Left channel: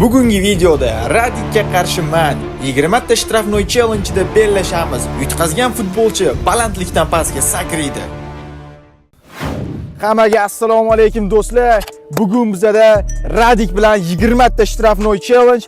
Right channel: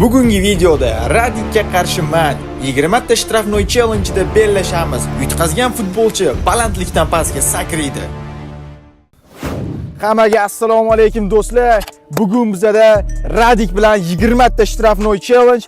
Bugungi videoda Radikka qarshi man 20 ta shtrafnoy challenge'da bellashamiz. Yutqazgan futbolchi balandlikdan pastga sakraydi. Hammaga assalomu alaykum do'stlar. Bugun bizda Radik bilan 20 ta shtrafnoy challenge.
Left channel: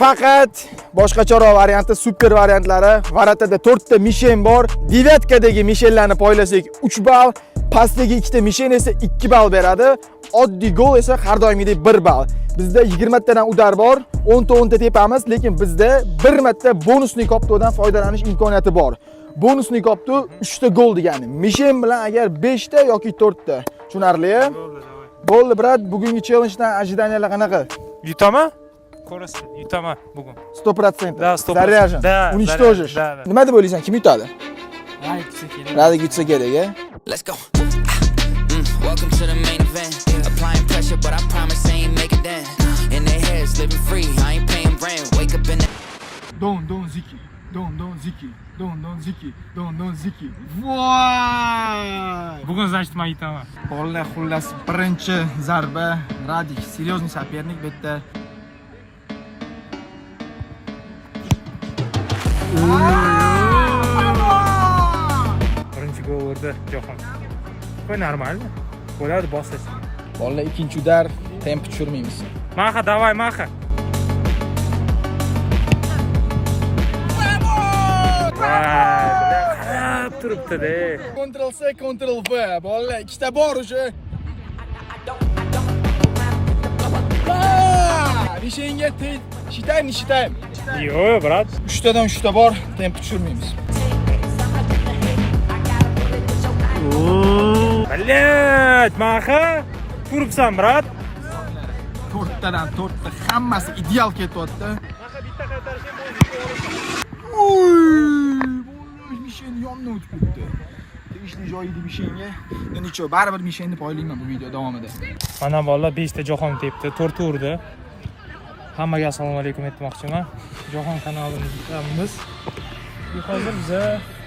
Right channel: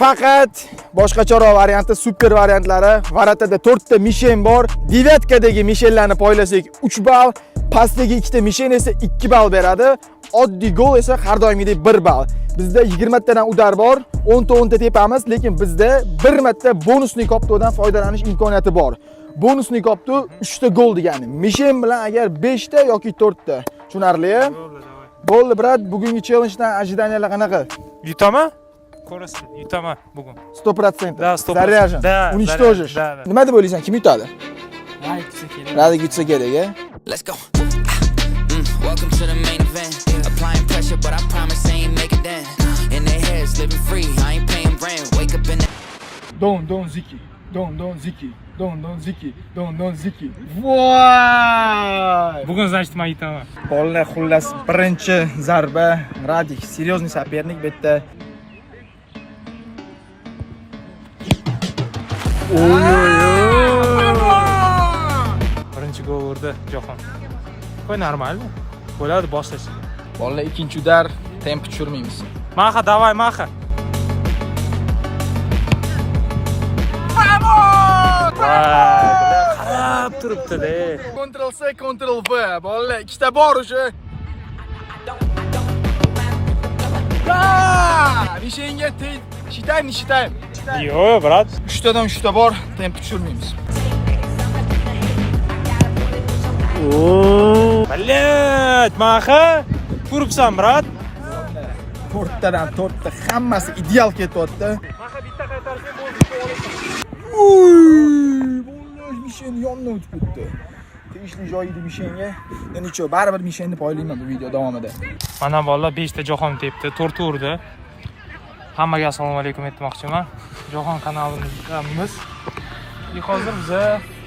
Faqat boshqacharoq varianti, super variantlari. Varatada 4 ta mishen bor. Devatkadagi mishenlarni poylasak 3 ball, pastdagi 2 ta mishen esa 2 ball beradi. Oddiy gol esa har doimgidek 1 ball. Bizda 20 tadan udar bor, 10 ta tepamiz, lekin bizda 1 marta bonusli koptodan foydalanish imkoniyati bor. Bonusli kopto 3 ta gol degani. Mishen bilan agar 5 ta yoki 4 ta. Tushunarli? Bo'ldi, brat, bugungi challengedan ajidaniyalar qanaqa? Yutaman? Ko'rasiz, yutaman bugun. 100%. Da, 100%. Заряжен. Da, Уничтожишь. da. Nima deb o'ylaysan? Kim yutadi? Radik Radik yutsa kerak. yutsa kerak, a? Let's go. Welcome to the main event. Applying pressure, but I promise I ain't making that. In their heads, living free. I ain't paying rent. Wake up in the Don Ziki. Don Ziki. Don Ziki. Voy! Bugun значит men yutaman. Bolalar, xullas birinchi zarba Radik. Серьезный соперник bu yerda. Birinchi gol urdi Jahon. Qo'y normalmi? Bo'ladi, boshlash. Bolalar ikkinchi udar, temp tushirmaymiz. Maha, davay, maha. Voy, bular qarab turibdi-da. Ctrl C, Ctrl V. Bolalar ikkita bor o'sha. Nishenga считаем. Yo'q, brat. 3 tadan 3 ta bor, temp tushirmaymiz. Balet, maha. Turibsan, brat. 4 tadan 4 ta hammasi ideal ketyapti. Bolalar mishen yondan o'tib ketdi. Tegishli joyida mishenga. Nechun baribir mishenni poylayman bu video davomida. Mana bolalar 5 ta Jahon tepdi, 4 urdi. Hammaga assalomu alaykum aytmoqchiman. Jahon kanalimizda hozir biz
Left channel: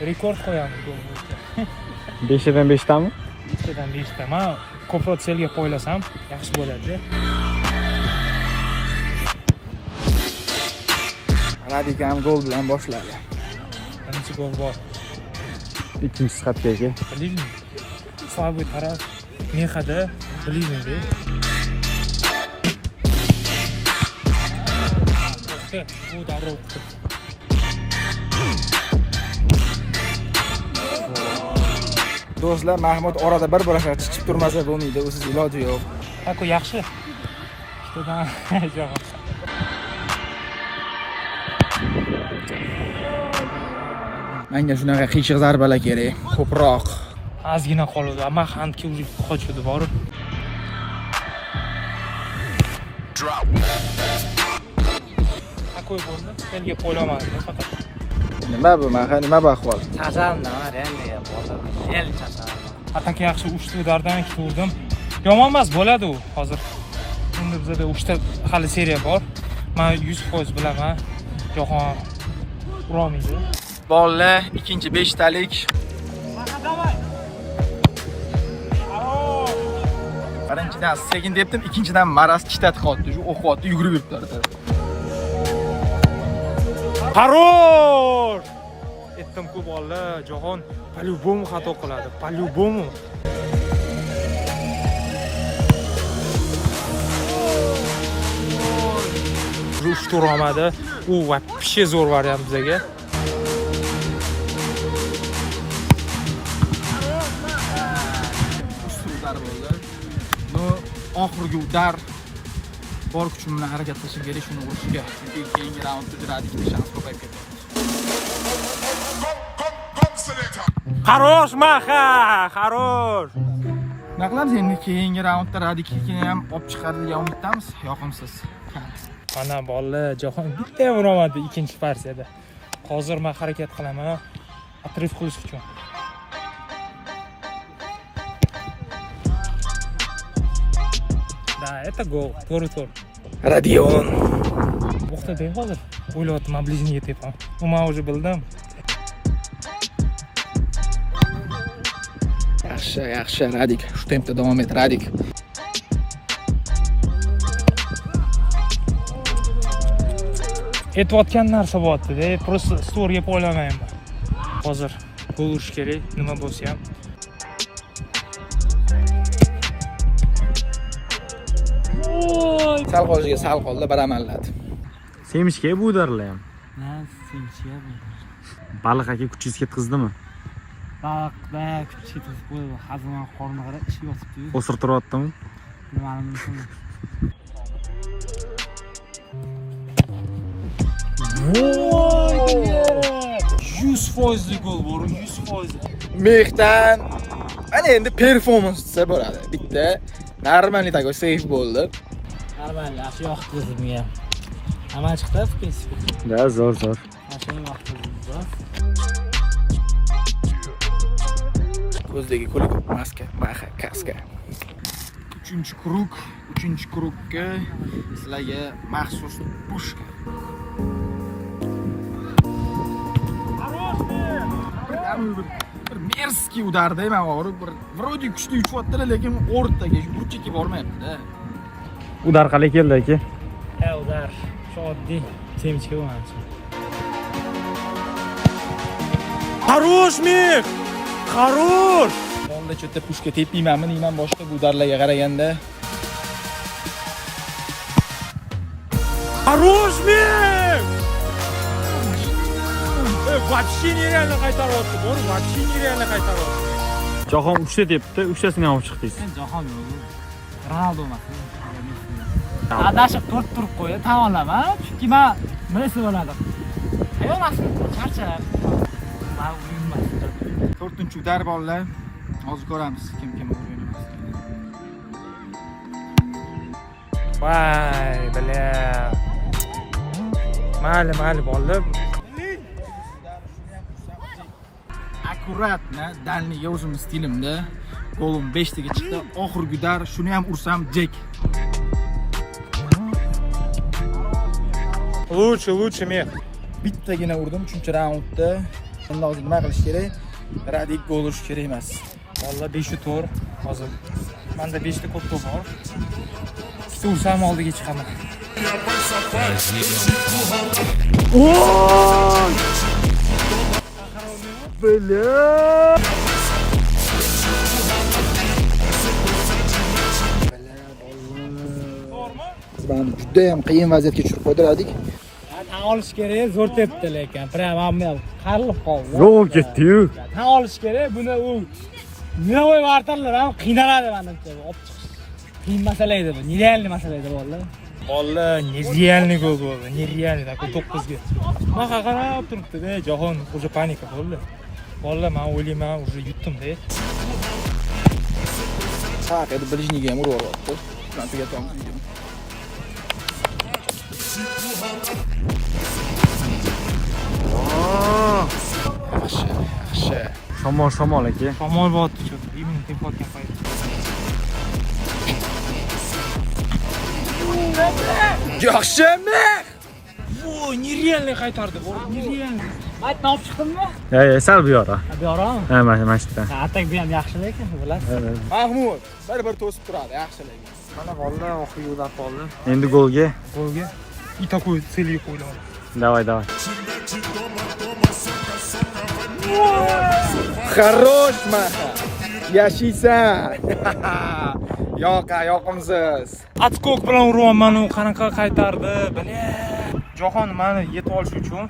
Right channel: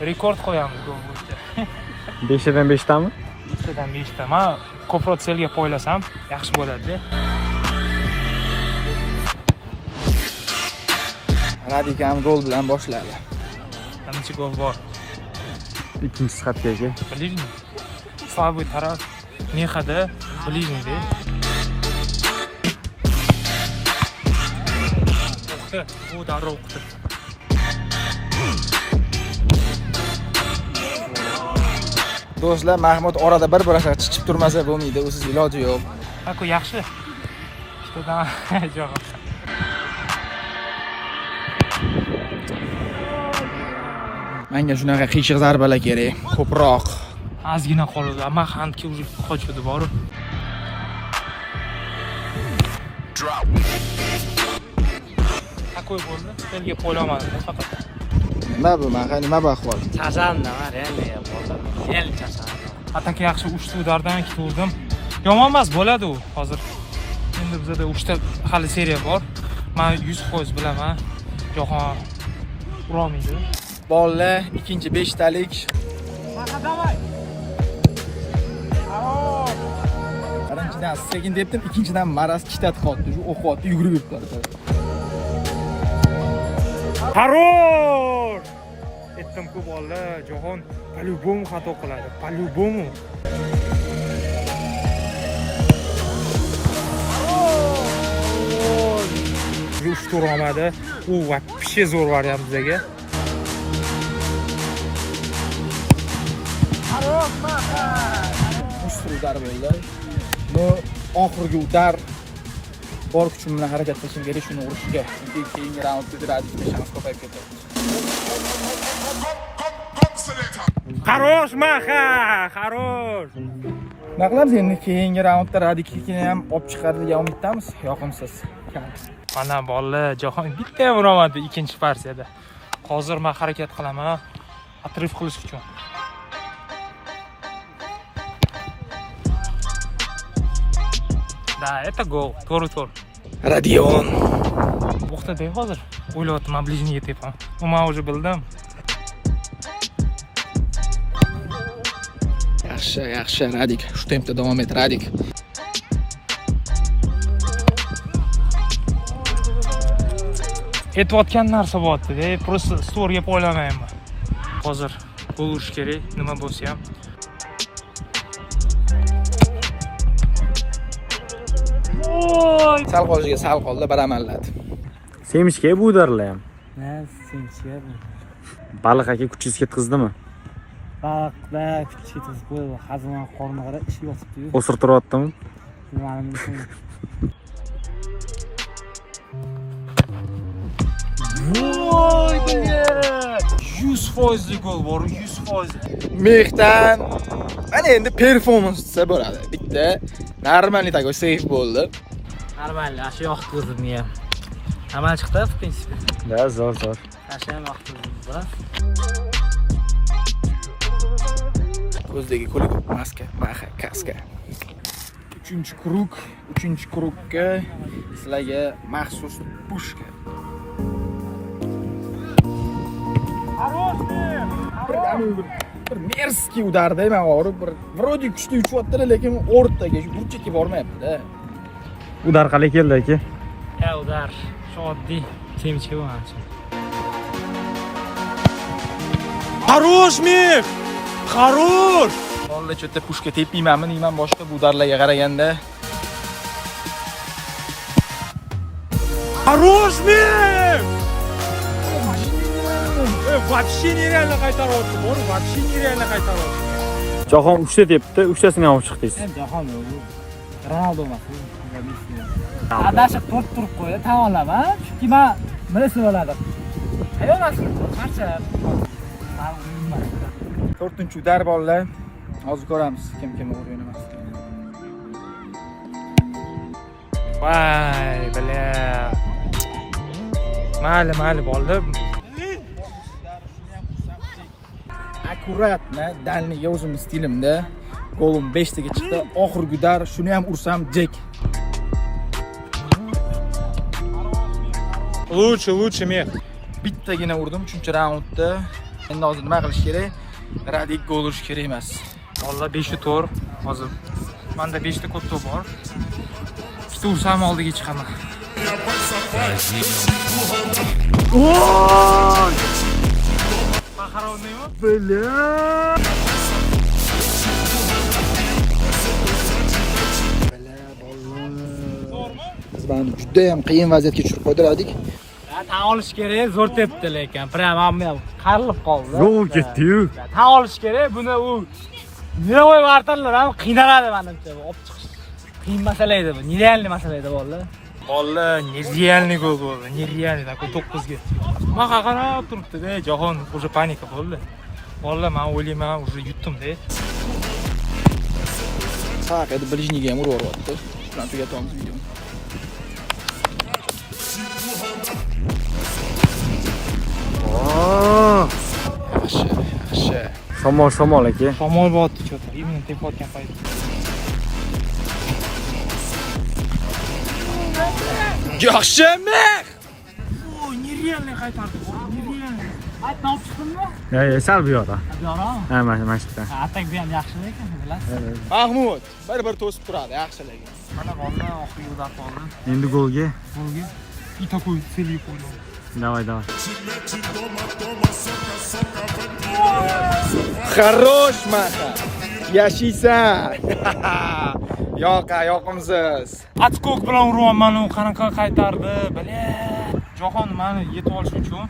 rekord qo'yamiz gol bo'yicha. 5 tadan 5 tami? 5 tadan 5 ta. Men ko'proq selga poylasam yaxshi bo'ladi. Radik ham gol bilan boshladi. Birinchi gol bor. Ikkinchisi xatgacha. Bilingmi? Fabi taraf Mexada bilingmi? Bu darrov o'qdi. Do'stlar, Mahmud orada bir-biriga chiqib turmasa bo'lmaydi, o'siz iloji yo'q. Haku yaxshi. Shundan jo'q. Menga shunaqa qiyshiq zarbalar kerak, ko'proq. Ozgina qoldi, ammo handga urib qochdi bor. Haku bo'ldi. Senga poylamadim faqat. Nima bu, nima bu ahvol? Charchadim, endi bo'ldi. El charchadim. Atak yaxshi 3 ta udardan 2 ta urdim. Yomon emas, bo'ladi u hozir. Endi bizda 3 ta hali seriya bor. Men 100% bilaman. Jahon urolmaydi. Bolalar, ikkinchi 5 talik. Birinchidan sekin debdim, ikkinchidan Maras kitati qotdi. Shu o'qyapti, yugurib yuribdi. Хорош! Aytdim-ku bolalar, Jahon по-любому xato qiladi. Po-любому. Uch tur olmadi. U вообще zo'r variant bizga. Udar bo'ldi. Bu oxirgi udar. Bor kuchim bilan harakat qilishim kerak shuni urishga. Chunki keyingi raundda Radikda shans ko'payib ketadi. Хорош, maha, хорош. Nima qilamiz endi keyingi raundda Radikni ham olib chiqarilgan umiddamiz. Yoqimsiz. Mana bolalar, Jahon bitta ham uramadi ikkinchi partiyada. Hozir men harakat qilaman, atrif qilish uchun. Da, это гол. To'g'ri. Radion. O'xtaday hozir. O'ylayapman, ближний tepam. Men уже bildim. Yaxshi, Radik. Shu tempda davom et, Radik. aytayotgan narsa bo'lyapti-da, просто storyga qo'ylamayman. Hozir gol urish kerak, nima bo'lsa ham. Sal qolishiga sal qoldi, bir amalladi. Semishga bu darlar ham. Ne simsiya bu. Baliq aka kuchingiz ketqizdimi? Baliqda kuch ketib qo'yib, hazmon qorni qara ish yotibdi-yu. O'sirtiryaptimi? Nimani bilsin. 100% gol bor, 100%. Mehdan mana endi performans desa bo'ladi. Bitta normalniy такой сейф bo'ldi. Normal, shu yoqtirdim ham. Amal chiqdi, в принципе. Da, zo'r. Asham yoqtirdim biroz. Ko'zdagi kulib maska, maha, kaska. 3-chi krugga sizlarga maxsus pushka. Bir merskiy udarda, men og'rib bir vrodi kuchli uchyapti, lekin o'rtaga, burchakka bormayapti-da. Udar qalay keldi aka? Ha, udar. Shu oddiy semchga bo'lgancha. Хорош, Mix! Хорош! Bolla cho'tta pushka tepmaymanmi, deyman boshqa bu udarlarga qaraganda. Хорош, Mix! Вообще нереально qaytaryapti, bor, вообще nereально qaytaryapti. Jahon 3 ta tepdi, 3tasini ham olib chiqdingiz. Jahon bu. Ronaldo emas. Adashib turib qo'ydi, tan olaman. Chunki men bilasiz bo'ladi. Hayonasiz, qarchalar. 4-chi udar bolalar. Hozir ko'ramiz kim o'ynamas. Vay, bля. Mayli bolalar. Akkuratni dalniga o'zim stilimda golim 5 taga chiqdi. Oxirgi udar shuni ham ursam jek. Лучше, Mix. Bittagina urdim 3-raundda. Endi hozir nima qilish kerak? Radik gol urish kerak emas. Valla 5-4 hozir. Menda 5 ta ko'p to'p bor. Bitta ursam oldiga chiqaman. Biz buni juda ham qiyin vaziyatga tushirib qo'ydik. Tan olish kerak, zo'r tepdi lekin. Prям hamma qarilib qoldi. Zo'r ketdi-yu. Tan olish kerak, buni u Niloy vartanlar ham qiynaladi menimcha. Olib chiqish qiyin masala edi bu. Nerealniy masala edi bolalar. Valla nerealniy gol bo'ldi. Nerealniy такой 9 ga. Men qarab turibdi-da, Jahon уже panika bo'ldi. Valla men o'ylayman, уже yutdim-da. Haq edi, bilijniga ham urib yuboribdi. Shuni tugatamiz videoni. Yaxshi. Shamol aka. Shamol bo'lyapti cho'ta. Именно tepayotgan payt. Yaxshi, Mix! Voy, nerealniy qaytardi, nerealniy. Aytni olib chiqdimmi? Ya, sal bu yoqda. Bu yoqmi? Ha, mana shu yerda. Atak bu ham yaxshi lekin, bilasiz. Mahmud, bir to'sib turadi, yaxshi lekin. Mana bolla oxirgi udar qoldi. Endi golga. Golga. И такой целью qo'ydim. Давай. Хорош, Maha. Yashaysan. Yoqimsiz. Atskok bilan uryapman, u qanaqa qaytardi, bля. Jahon meni yetib olish uchun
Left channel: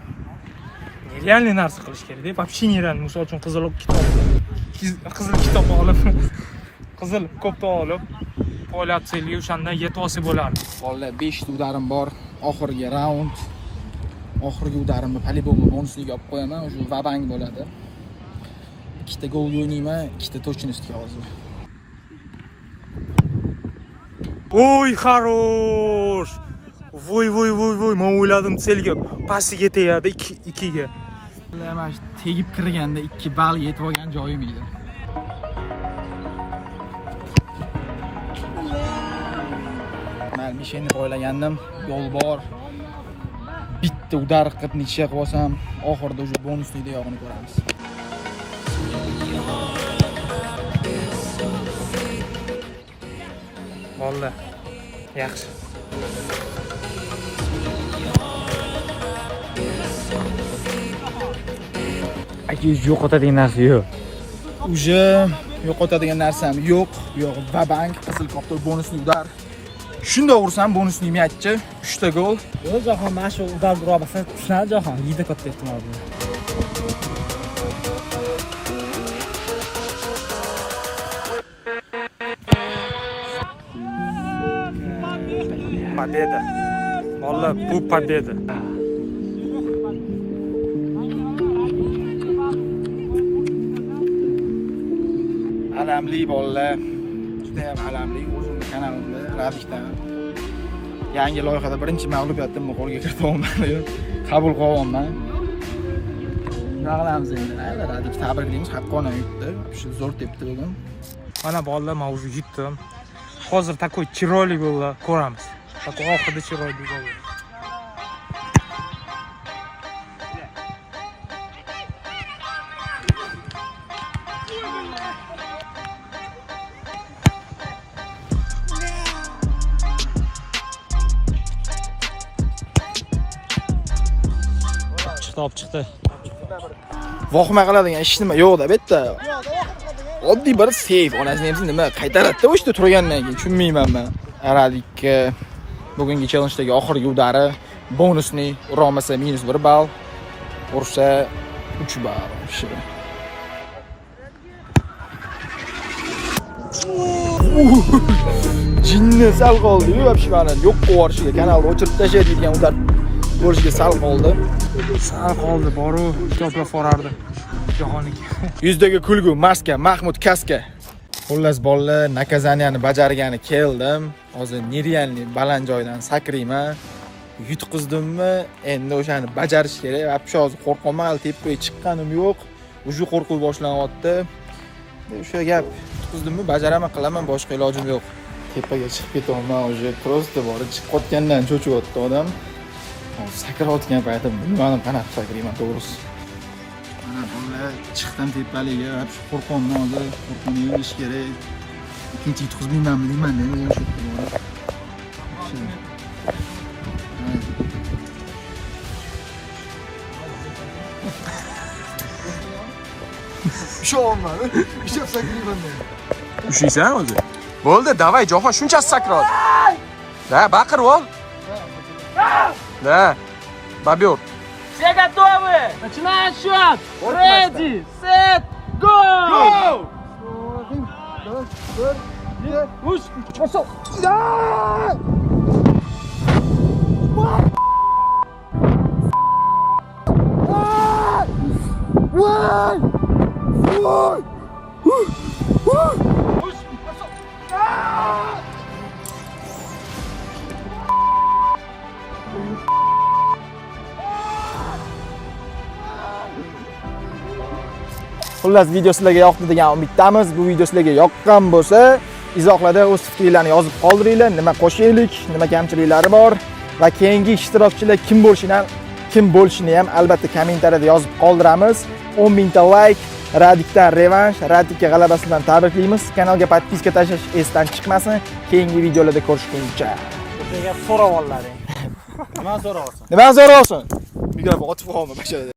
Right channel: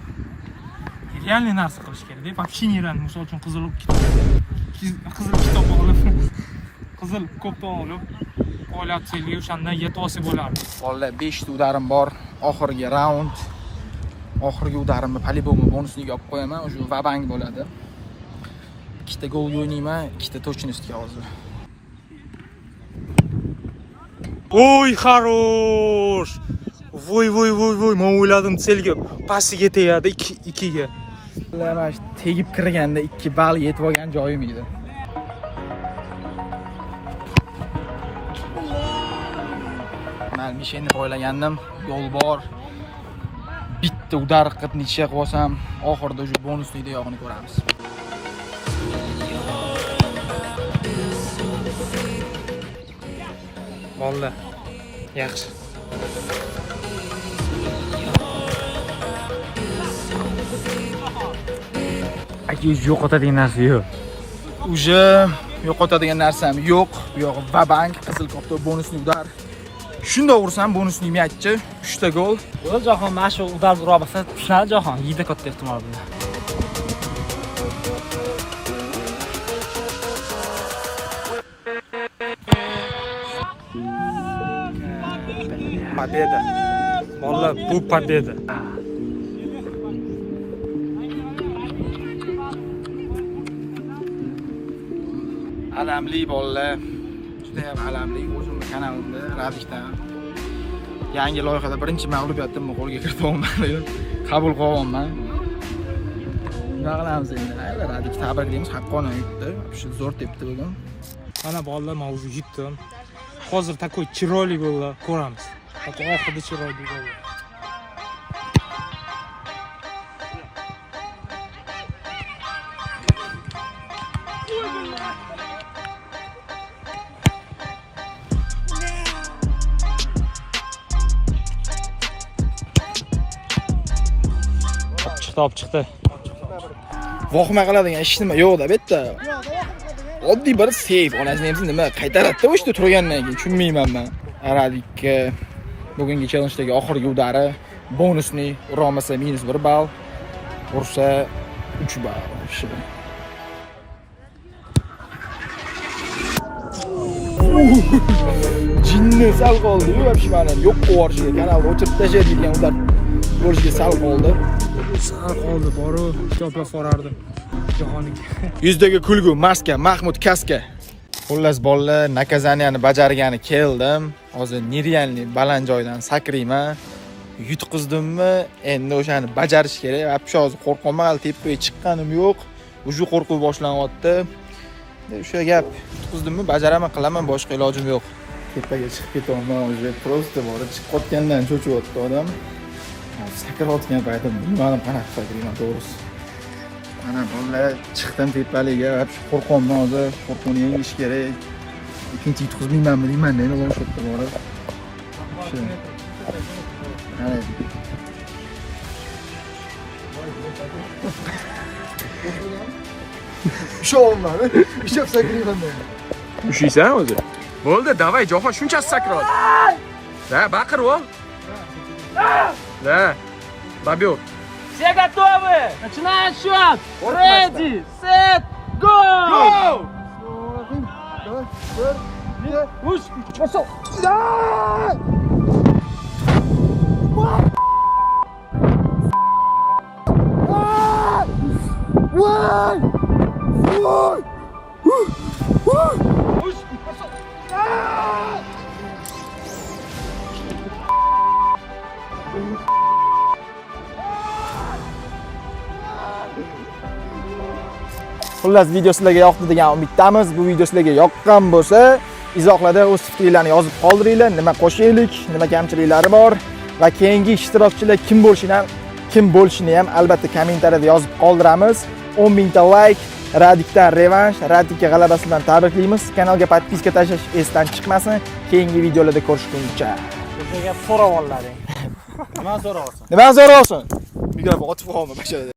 realniy narsa qilish kerak-da. Вообще nerealniy. Misol uchun qizil kitob olib, qizil kopta olib, polyatsiyaga o'shandan yetib olsa bo'lardi. Bolalar 5 ta udarim bor. Oxirgi raund. Oxirgi udarimni по-любому bonusliga olib qo'yaman. O'sha vabang bo'ladi. 2 ta gol o'ynayman, 2 ta точностьga hozir. Voy, хорош. Voy, men o'yladim selga pasiga tegadi 2 ga. Bilaman, tegib kirganda 2 ball yetib olgan joyim edi. Men Mishenni qo'ylagandim, yo'l bor. Bitta udar qilib necha qilib olsam, oxirida o'sha bonuslikda yog'ini ko'ramiz. Valla yaxshi. %100 yo'qotadigan narsa yo'q. Uje yo'qotadigan narsam yo'q. Bu yo'q vabank qizil koptok bonusli udar. Shunda ursam bonusli matchi 3 ta gol. Yo'q, Jahon mana shu udar ura bo'lsa, tushunadi Jahon. Yeydi katta ehtimol bilan. Победа. Vallahi bu победа. Alamli bolalar. Juda ham alamli o'zimning kanalimda Radikdan. Yangi loyihada birinchi mag'lubiyatimni qo'lga kiritolmadim. Qabul qilyapman. Nima qilamiz endi? Radik tabriklaymiz, haqqona yutdi. Shu zo'r tepdi bugun. Mana bolalar men уже yutdim. Hozir такой chiroyli gollar ko'ramiz. Такой oxirida chiroyli gollar. Chiqdi. Vohma qiladigan ish nima yo'q-da, bu yerda. Oddiy bir save, onasini ham nima qaytaradida o'shda turgandan keyin tushunmayman men. Radik bugungi challenge'dagi oxirgi udari bonusni ura olmasa -1 ball, ursa 3 ball. Jinni sal qoldi-yu, vobshani yo'q qo'yarishiga, kanalni o'chirib tashlaydigan udar bo'lishiga sal qoldi. Boru ko'plab forardi. Jahonniki. Yuzdagi kulgu maska Mahmud Kaska. Xullas bolalar nakazaniyani bajargani keldim. Hozir nerealniy baland joydan sakrayman. Yutqizdimmi? Endi o'shani bajarish kerak. Vobshe hozir qo'rqmayman, hali tepaga chiqqanim yo'q. Uje qo'rquv boshlanyapti. O'sha gap, yutqizdimmi? Bajaraman, qilaman, boshqa ilojim yo'q. Tepaga chiqib ketaman, uje prosta borib chiqib qotgandan cho'chiyapti odam. Sakrayotgan paytim bilmadim qanaqa sakrayman to'g'risi. Mana bolalar chiqdim tepaliga, qo'rqyapman hozir, qo'rquvni yengish kerak. Ikkinchi yutqizmaymanmi deyman, endi o'sha yerda borib. Sho'mani, ishab sakrayman. Ushiysan o'zi. Bo'ldi, davay, Jahon shunchasi sakraydi. Da, baqirib ol. Da. Babyor. Все готовы? Начинаем счет! Ready, set, go! Xullas video sizlarga yoqdi degan umiddamiz. Bu video sizlarga yoqqan bo'lsa, izohlarda o'z fikringizni yozib qoldiringlar. Nima qo'shaylik, nima kamchiliklari bor va keyingi ishtirokchilar kim bo'lishini ham albatta kommentariyada yozib qoldiramiz. 10 000 ta like, Radikdan revansh, Radikka g'alabasi bilan tabriklaymiz. Kanalga podpiska tashlash esdan chiqmasin. Keyingi videolarda ko'rishguncha. O'shaga so'rab ollaring. Nima so'rab olsin? Nima so'rab olsin? Mikrofon otib qo'yma bashada.